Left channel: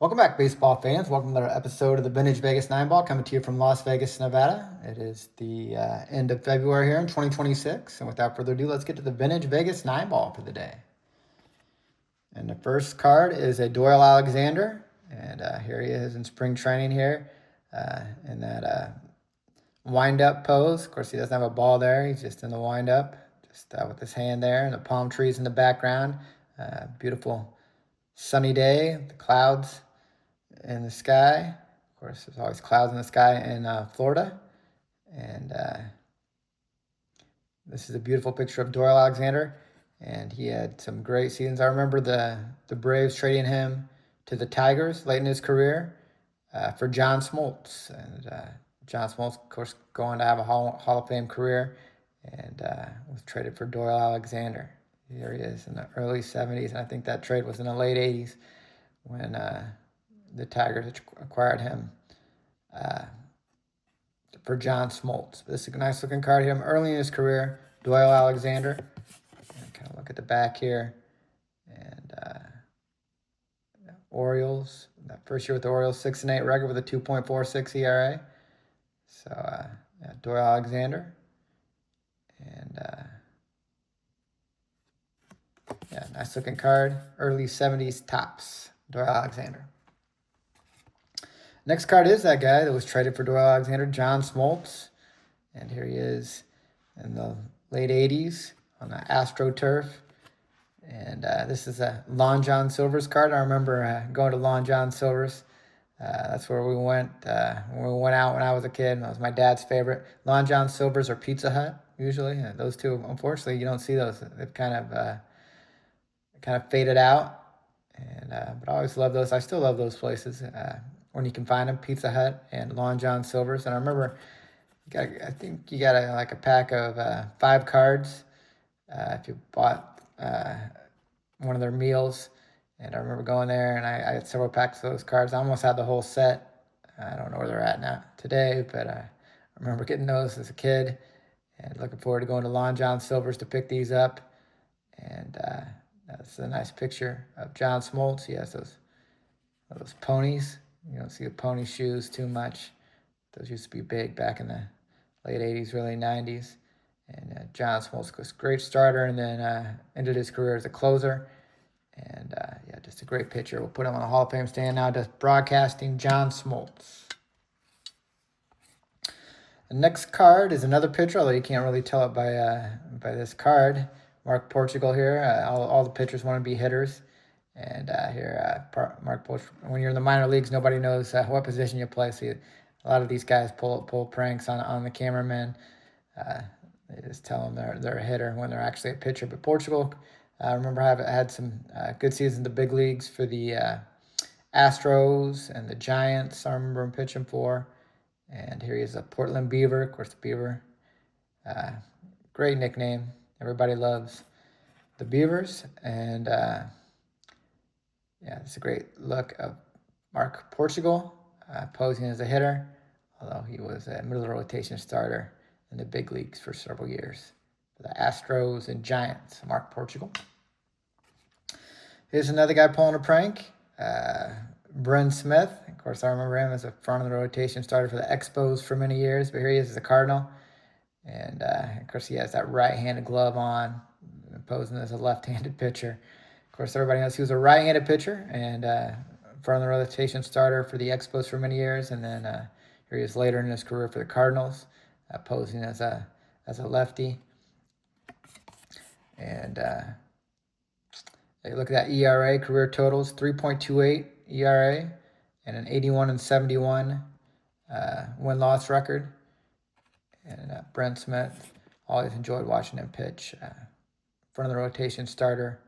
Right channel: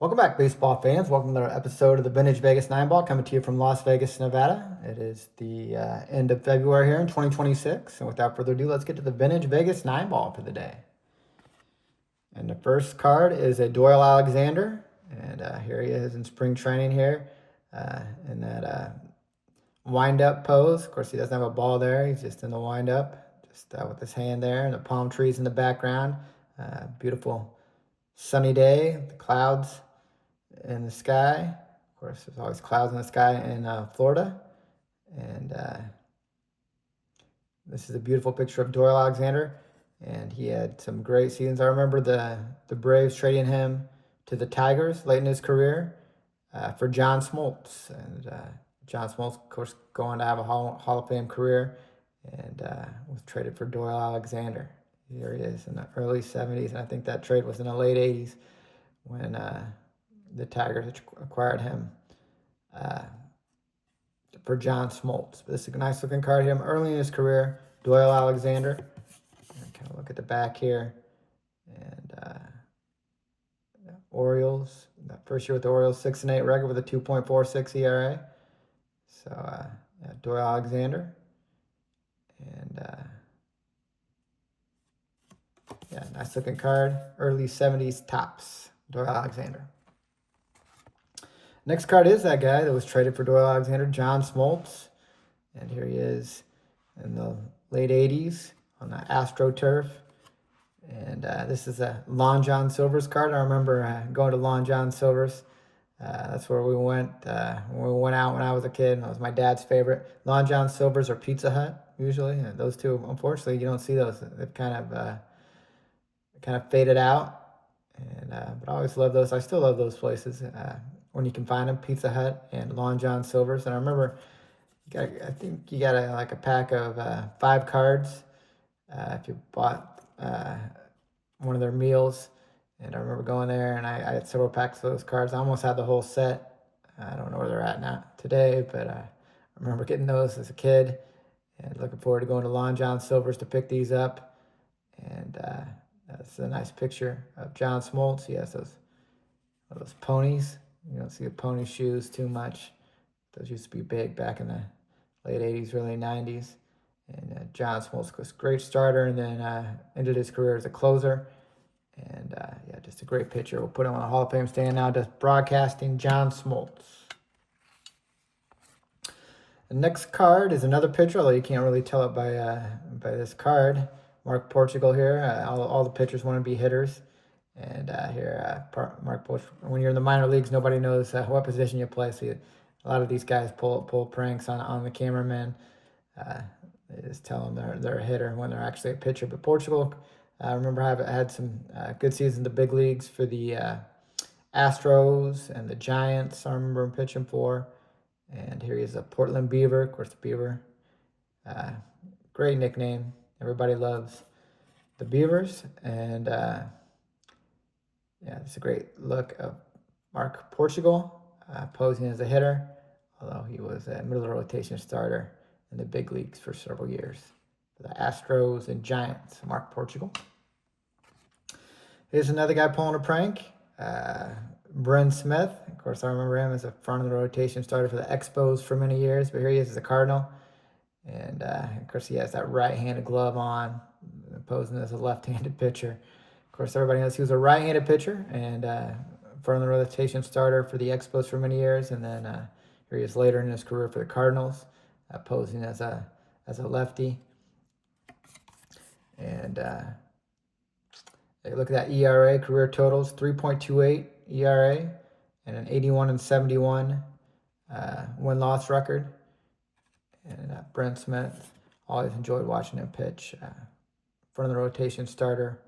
Welcome back, baseball fans. Welcome to another episode of the Vintage Vegas 9 Ball, coming to you from Las Vegas, Nevada. It is the end of February here in 2026. And without further ado, let's get to the Vintage Vegas 9 Ball for the day. And the first card is a Doyle Alexander. And here he is in spring training here in that wind-up pose. Of course, he doesn't have a ball there. He's just in the wind-up, just with his hand there, and the palm trees in the background. Beautiful sunny day, the clouds in the sky. Of course, there's always clouds in the sky in Florida. And this is a beautiful picture of Doyle Alexander. And he had some great seasons. I remember the Braves trading him to the Tigers late in his career for John Smoltz. And John Smoltz, of course, going to have a Hall of Fame career, and was traded for Doyle Alexander. Here he is in the early 70s. And I think that trade was in the late 80s when the Tigers acquired him for John Smoltz. But this is a nice looking card here. Early in his career, Doyle Alexander. And kind of look at the back here. And the Orioles, that first year with the Orioles, 6-8 record with a 2.46 ERA. So yeah, Doyle Alexander. And yeah, nice looking card. Early 70s tops, Doyle Alexander. Next card is that guy that was traded for Doyle Alexander, John Smoltz. And here he is in the late 80s on the AstroTurf. And this is a Lon John Silver's card. I remember going to Lon John Silver's. That's where we went when we went out when I was a kid. That was my dad's favorite. Lon John Silver's or Pizza Hut, usually. And those two, unfortunately, you don't see those. They've kind of faded out. And but I always love those. I still love those places when you can find them, Pizza Hut and Lon John Silver's. And I remember, I think you got like a pack of 5 cards if you bought one of their meals. And I remember going there, and I had several packs of those cards. I almost had the whole set. I don't know where they're at now today, but I remember getting those as a kid, and looking forward to going to Lon John Silver's to pick these up. And that's a nice picture of John Smoltz. He has those ponies. You don't see the pony shoes too much. Those used to be big back in the late 80s, early 90s. And John Smoltz was a great starter, and then ended his career as a closer. And yeah, just a great pitcher. We'll put him on the Hall of Fame stand now, just broadcasting John Smoltz. The next card is another pitcher, although you can't really tell it by this card. Mark Portugal here. All the pitchers want to be hitters. And here, Mark Portugal, when you're in the minor leagues, nobody knows what position you play. So a lot of these guys pull pranks on the cameramen. They just tell them they're a hitter when they're actually a pitcher. But Portugal, I remember had some good seasons in the big leagues for the Astros and the Giants. I remember him pitching for. And here he is, a Portland Beaver. Of course, the Beaver, great nickname. Everybody loves the Beavers. And yeah, it's a great look of Mark Portugal posing as a hitter, although he was a middle rotation starter in the big leagues for several years for the Astros and Giants. Mark Portugal. Here's another guy pulling a prank, Bryn Smith. Of course, I remember him as a front of the rotation starter for the Expos for many years, but here he is as a Cardinal. And of course, he has that right-handed glove on, posing as a left-handed pitcher. Of course, everybody knows he was a right-handed pitcher and front of the rotation starter for the Expos for many years. And then here he is later in his career for the Cardinals, posing as a lefty. And look at that ERA, career totals, 3.28 ERA, and an 81-71 win-loss record. And Brent Smith, always enjoyed watching him pitch. Front of the rotation starter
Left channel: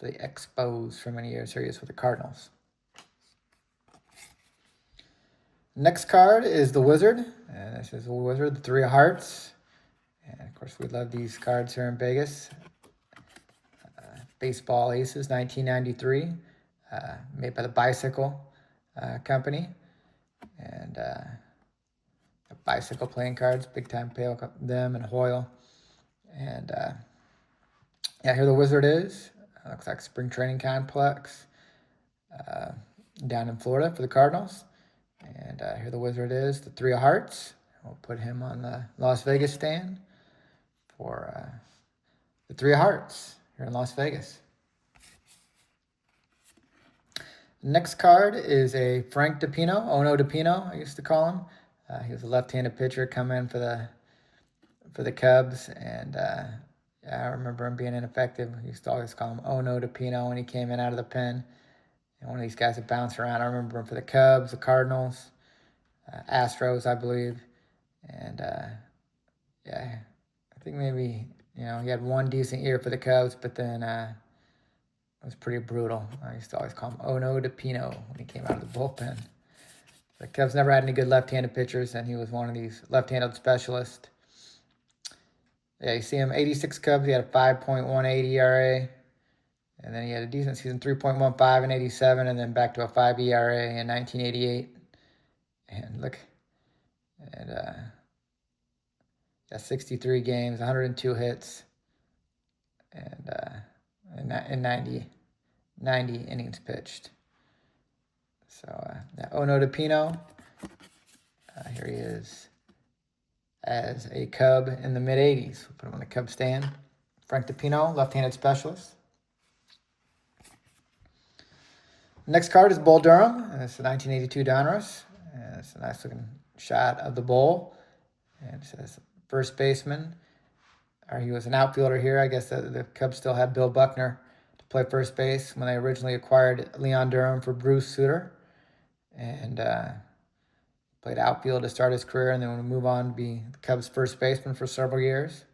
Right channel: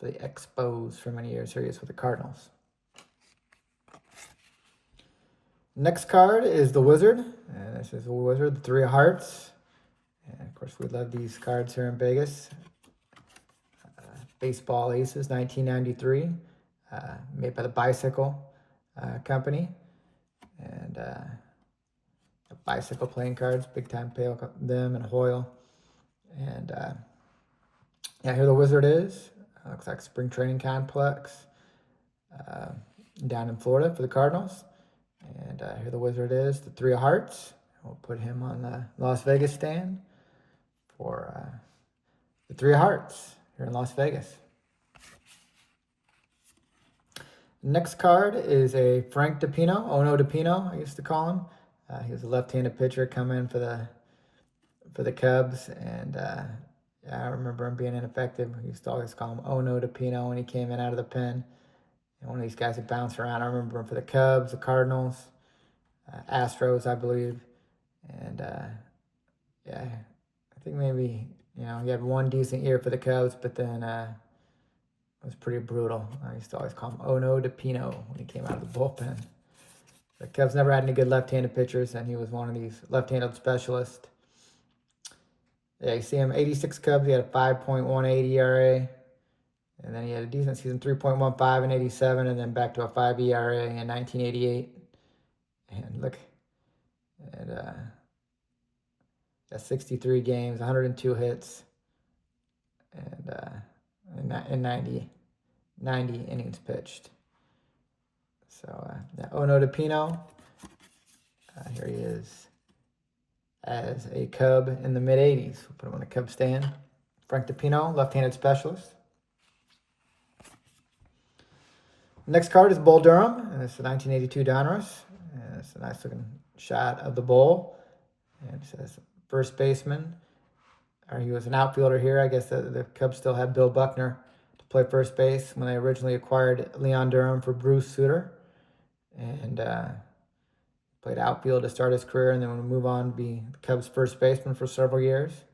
for the Expos for many years. Here he is with the Cardinals. Next card is the Wizard. And this is the Wizard, the 3 of Hearts. And of course, we love these cards here in Vegas. Baseball Aces, 1993, made by the Bicycle Company. And Bicycle playing cards, big time pay them and Hoyle. And yeah, here the Wizard is. Looks like spring training complex. down in Florida for the Cardinals. And here the wizard is, the 3 of hearts. We'll put him on the Las Vegas stand for the 3 of hearts here in Las Vegas. Next card is a Frank DiPino, Ono DiPino, I used to call him. He was a left-handed pitcher, come in for the Cubs, and yeah, I remember him being ineffective. We used to always call him Ono DiPino when he came in out of the pen. And one of these guys that bounced around. I remember him for the Cubs, the Cardinals, Astros, I believe, and yeah, I think maybe he had one decent year for the Cubs, but then it was pretty brutal. I used to always call him Ono DiPino when he came out of the bullpen. The Cubs never had any good left-handed pitchers, and he was one of these left-handed specialists. Yeah, you see him, 86 Cubs. He had a 5.18 ERA. And then he had a decent season, 3.15 in 87, and then back to a 5 ERA in 1988. And look, and yeah, 63 games, 102 hits, and in 90 innings pitched. So Ono DiPino, here he is as a Cub in the mid-'80s. We'll put him on the Cub stand. Frank DiPino, left-handed specialist. Next card is Bull Durham, and it's the 1982 Donruss. And it's a nice looking shot of the bull. And it says first baseman. Or he was an outfielder here. I guess the Cubs still had Bill Buckner to play first base when they originally acquired Leon Durham for Bruce Sutter. And played outfield to start his career, and then would move on to be the Cubs' first baseman for several years.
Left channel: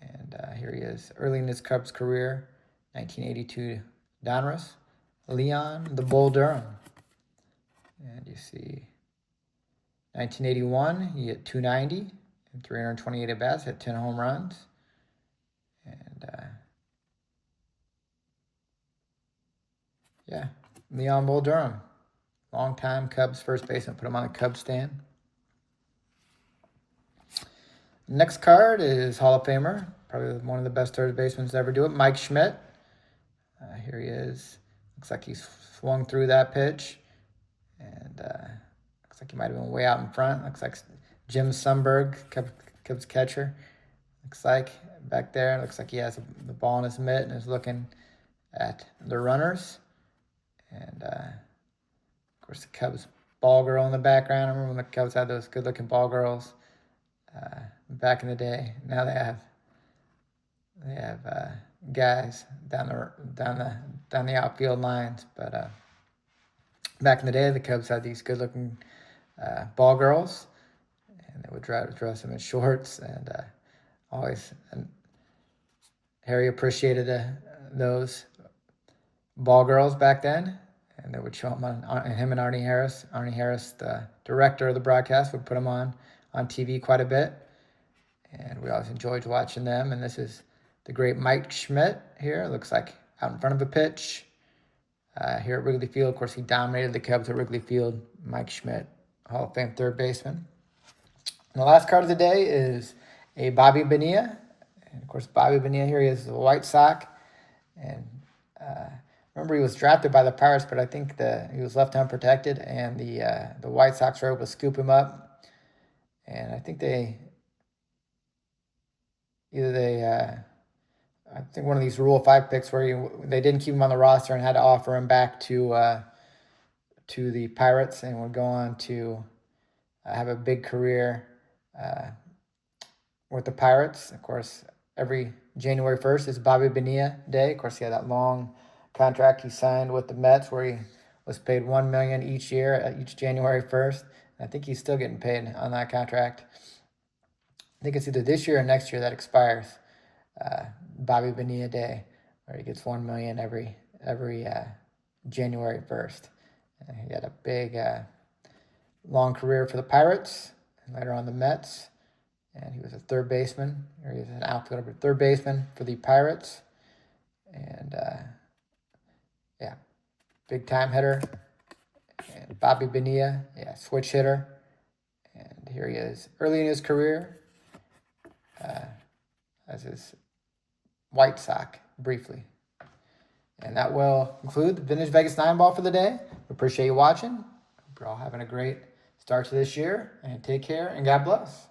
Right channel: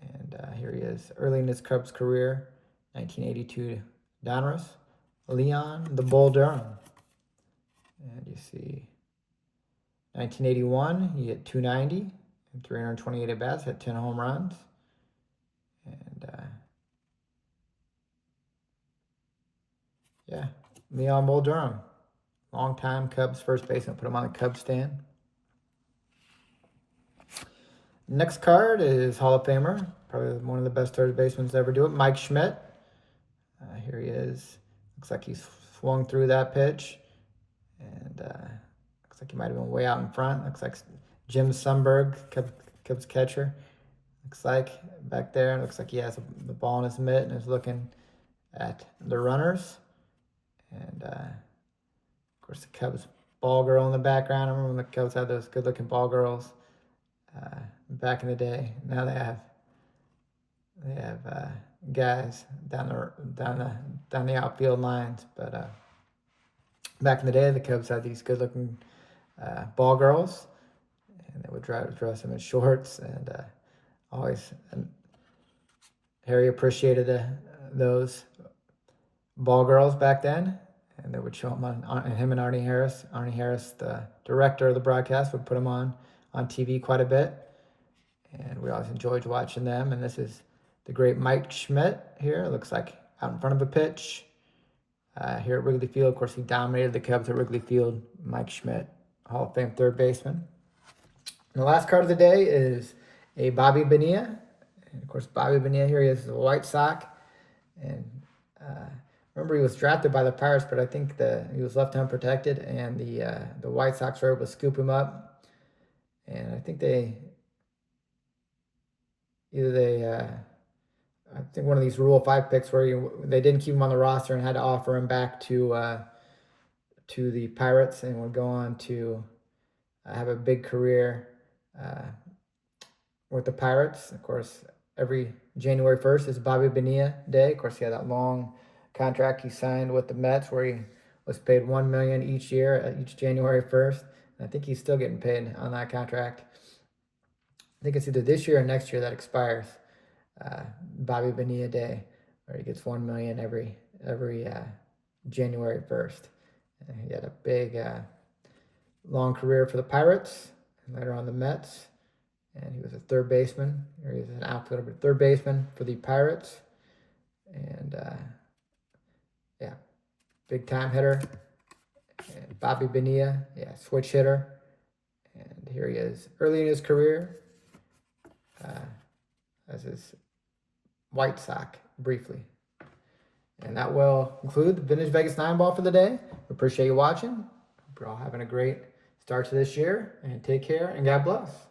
And here he is, early in his Cubs career, 1982 Donruss. Leon the Bull Durham. And you see 1981, he hit 290 and 328 at-bats, hit 10 home runs. And yeah, Leon Bull Durham, long-time Cubs first baseman. Put him on the Cubs stand. Next card is Hall of Famer, probably one of the best third basemen to ever do it, Mike Schmidt. Here he is. Looks like he's swung through that pitch, and looks like he might have been way out in front. Looks like Jim Sundberg, Cubs catcher. Looks like back there. Looks like he has the ball in his mitt and is looking at the runners. And of course, the Cubs ball girl in the background. I remember when the Cubs had those good-looking ball girls back in the day. Now they have guys down the outfield lines, but back in the day, the Cubs had these good-looking ball girls, and they would dress them in shorts, and Harry appreciated those ball girls back then, and they would show him on him and Arnie Harris. Arnie Harris, the director of the broadcast, would put him on TV quite a bit, and we always enjoyed watching them. And this is the great Mike Schmidt here. It looks like out in front of a pitch here at Wrigley Field. Of course, he dominated the Cubs at Wrigley Field. Mike Schmidt, Hall of Fame third baseman. And the last card of the day is a Bobby Bonilla. And of course, Bobby Bonilla here, he is a White Sox. And remember, he was drafted by the Pirates, but I think he was left unprotected, and the White Sox were able to scoop him up. And I think I think one of these Rule 5 picks where they didn't keep him on the roster and had to offer him back to the Pirates, and would go on to have a big career with the Pirates. Of course, every January 1st is Bobby Bonilla Day. Of course, he had that long contract he signed with the Mets where he was paid $1 million each year at each January 1st. And I think he's still getting paid on that contract. I think it's either this year or next year that expires. Bobby Bonilla Day, where he gets $1 million every January 1st. He had a big, long career for the Pirates, and later on the Mets. And he was a third baseman, or he was an outfielder, but third baseman for the Pirates. And yeah, big time hitter. And Bobby Bonilla, yeah, switch hitter. And here he is, early in his career, as his White Sox briefly. And that will conclude the Vintage Vegas 9 Ball for the day. appreciate you watching. Hope you're all having a great start to this year, and take care and God bless.